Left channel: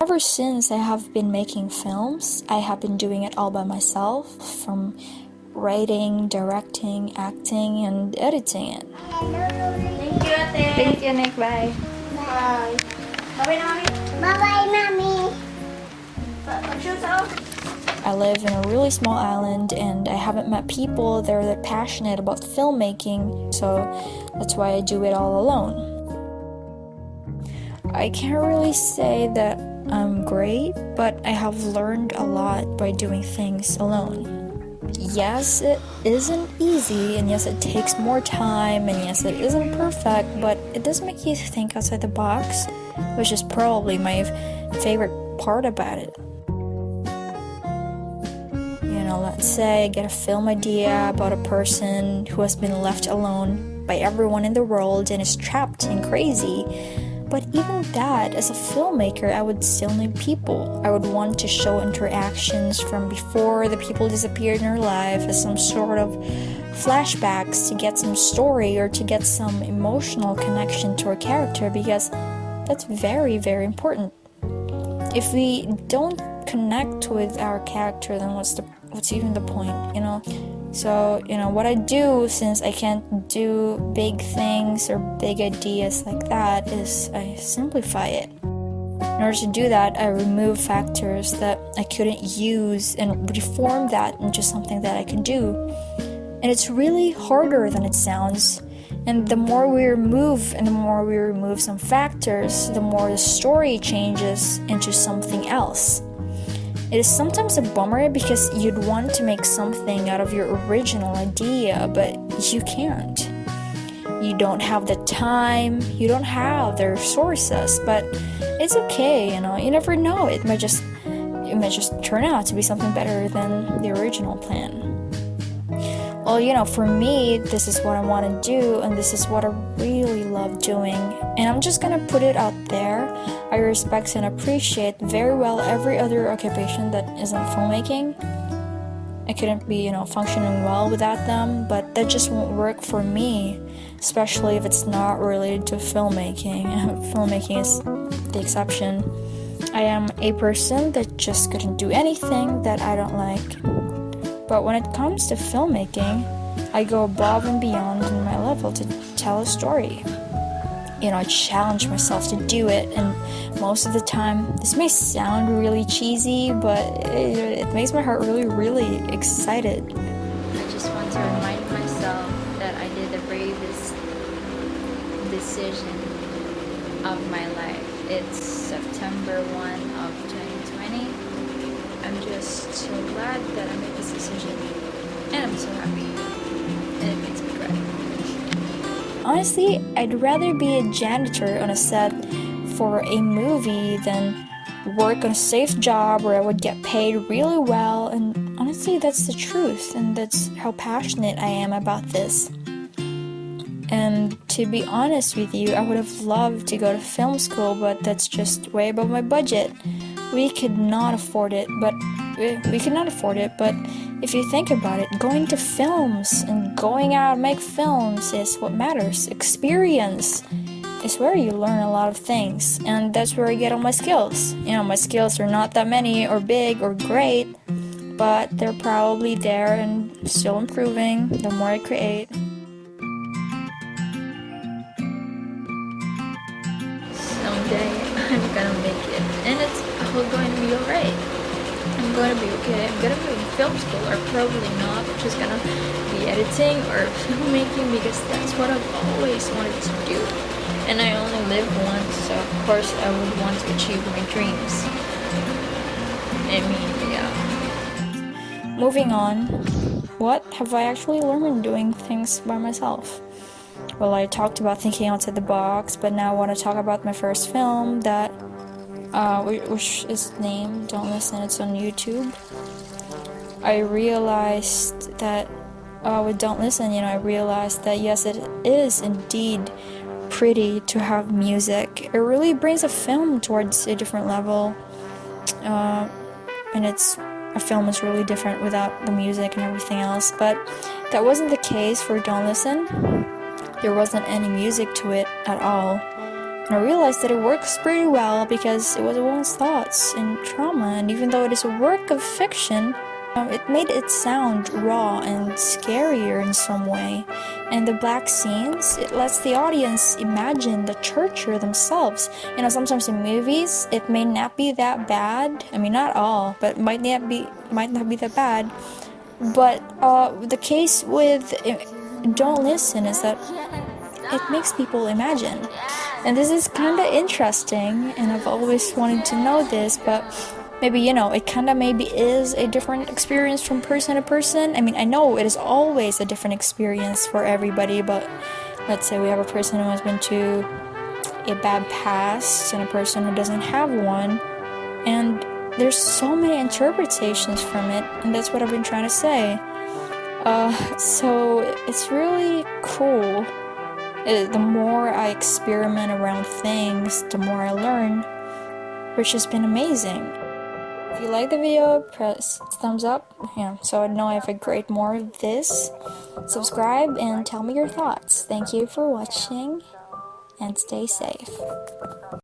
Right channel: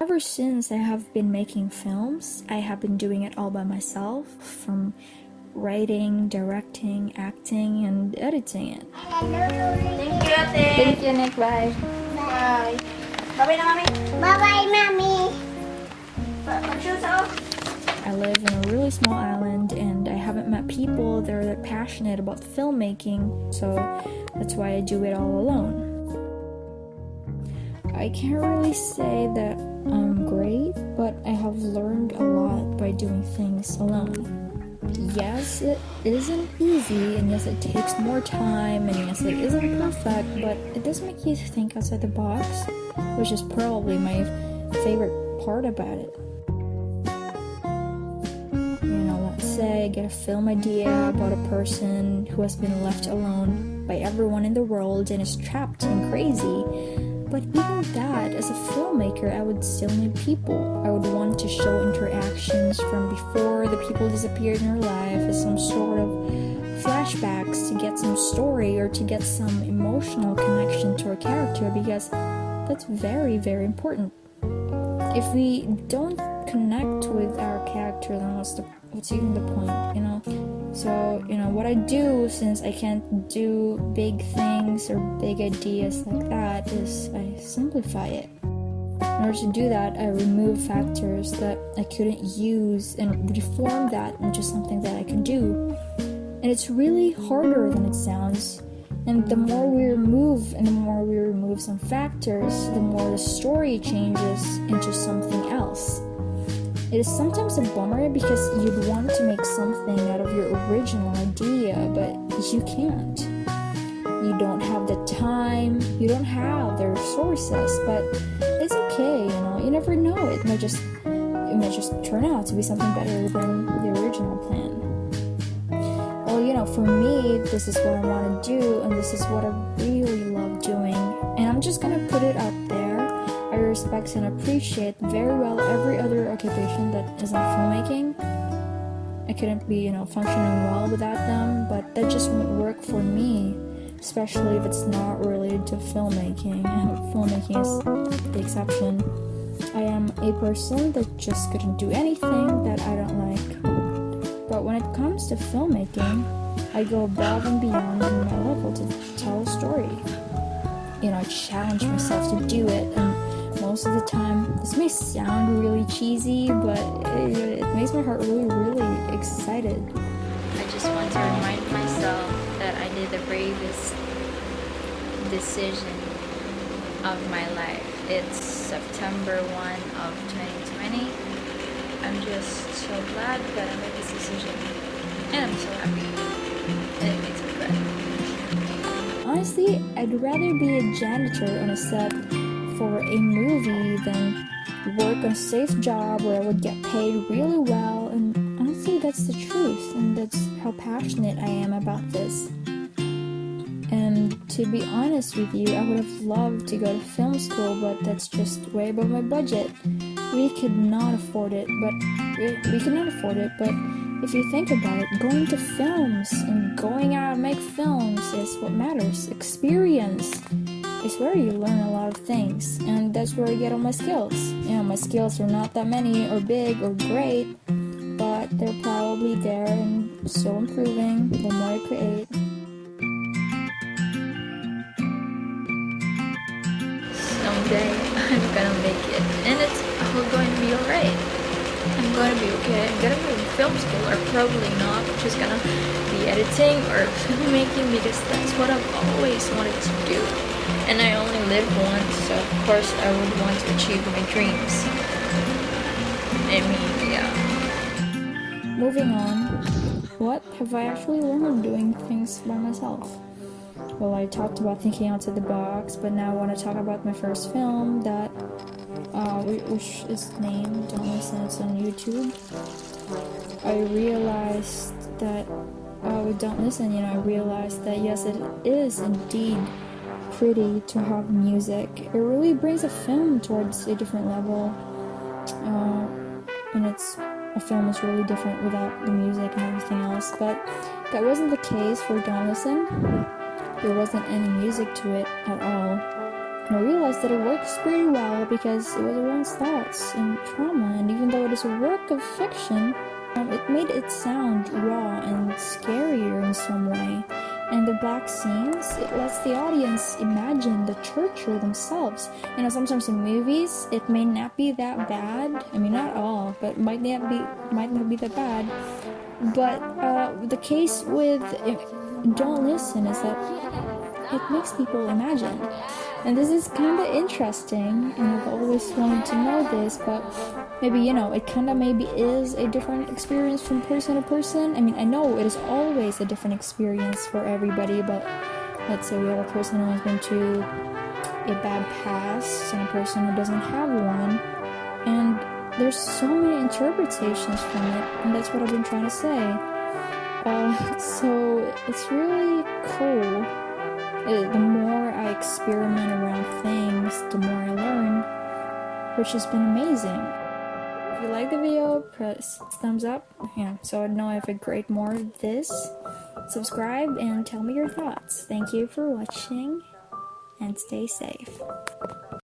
Ever since I have been making films, I have been doing it all by myself, from writing, directing, acting, and editing it. Thank you, Ate. Thank you, Nick. Bye. Bye. Bye-bye na, Mami. Bye-bye, Mommy. Mag-shoes ako. I live in a really small island and I haven't met people that are that passionate about filmmaking, so that's why I do it all alone. I can't really say that I'm great, but I have learned a lot by doing things alone. Yes, it isn't easy, and yes, it takes more time, and yes, it isn't perfect, but it does make you think outside the box, which is probably my favorite part about it. Let's say I get a film idea about a person who has been left alone by everyone in the world and is trapped and crazy. But even that, as a filmmaker, I would still need people. I would want to show interactions from before the people disappeared in her life as some sort of flashbacks to get some story or to get some emotional connection to her character, because that's very, very important. If we don't connect with our character, then what's even the point, So, what I do, since I can't do big things or big ideas like that, is I simplify it. In order to do that, I remove factors that I couldn't use and reform that into something that I can do. And it's really harder than it sounds. And the more we remove some factors, the more the story changes into something else. It is sometimes a bummer because you'd want to make something out of your original idea, but you can't. You don't have the time, you don't have the resources, but it's okay, you never know. It might just turn out to be something better than the original plan. Well, for me, this is what I want to do, and this is what I really love doing, and I'm just gonna put it out there. I respect and appreciate very well every other occupation that isn't filmmaking. I couldn't be, functioning well without them, but that just won't work for me, especially if it's not related to filmmaking. Filmmaking is the exception. I am a person that just couldn't do anything that I don't like. But when it comes to filmmaking, I go above and beyond in my level to tell a story. I challenge myself to do it, and most of the time, this may sound really cheesy, but it makes my heart really, really excited. I just want to remind myself that I did the bravest decision of my life. It's September 1 of 2020. I'm just so glad that I made this decision, and I'm so happy, and it makes me cry. Honestly, I'd rather be a janitor on a set for a movie than work on a safe job where I would get paid really well, and honestly, that's the truth, and that's how passionate I am about this. And to be honest with you, I would have loved to go to film school, but that's just way above my budget. We could not afford it, but if you think about it, going to films and going out and make films is what matters. Experience is where you learn a lot of things, and that's where I get all my skills. My skills are not that many or big or great, but they're probably there and still improving the more I create. Someday I'm gonna make it, and it's all going to be alright. I'm gonna be okay. I'm gonna be in film school, or probably not. I'm just gonna be editing or filmmaking because that's what I've always wanted to do. And I only live once, so of course I would want to achieve my dreams. Yeah. Moving on, what have I actually learned doing things by myself? Well, I talked about thinking outside the box, but now I want to talk about my first film that, which is named Don't Listen, it's on YouTube. I realized that, with Don't Listen, I realized that yes, it is indeed pretty to have music. It really brings a film towards a different level, and a film is really different without the music and everything else, but that wasn't the case for Don't Listen. There wasn't any music to it at all. And I realized that it works pretty well because it was one's thoughts and trauma, and even though it is a work of fiction, it made it sound raw and scarier in some way. And the black scenes, it lets the audience imagine the torture themselves. Sometimes in movies, it may not be that bad. I mean, not all, but might not be that bad. But the case with Don't Listen is that it makes people imagine. And this is kind of interesting, and I've always wanted to know this, but maybe, it kind of maybe is a different experience from person to person. I mean, I know it is always a different experience for everybody, but let's say we have a person who has been to a bad past and a person who doesn't have one, and there's so many interpretations from it, and that's what I've been trying to say. So it's really cool. The more I experiment around things, the more I learn, which has been amazing. If you like the video, press thumbs up, so I know if I create more of this. Subscribe and tell me your thoughts. Thank you for watching, and stay safe.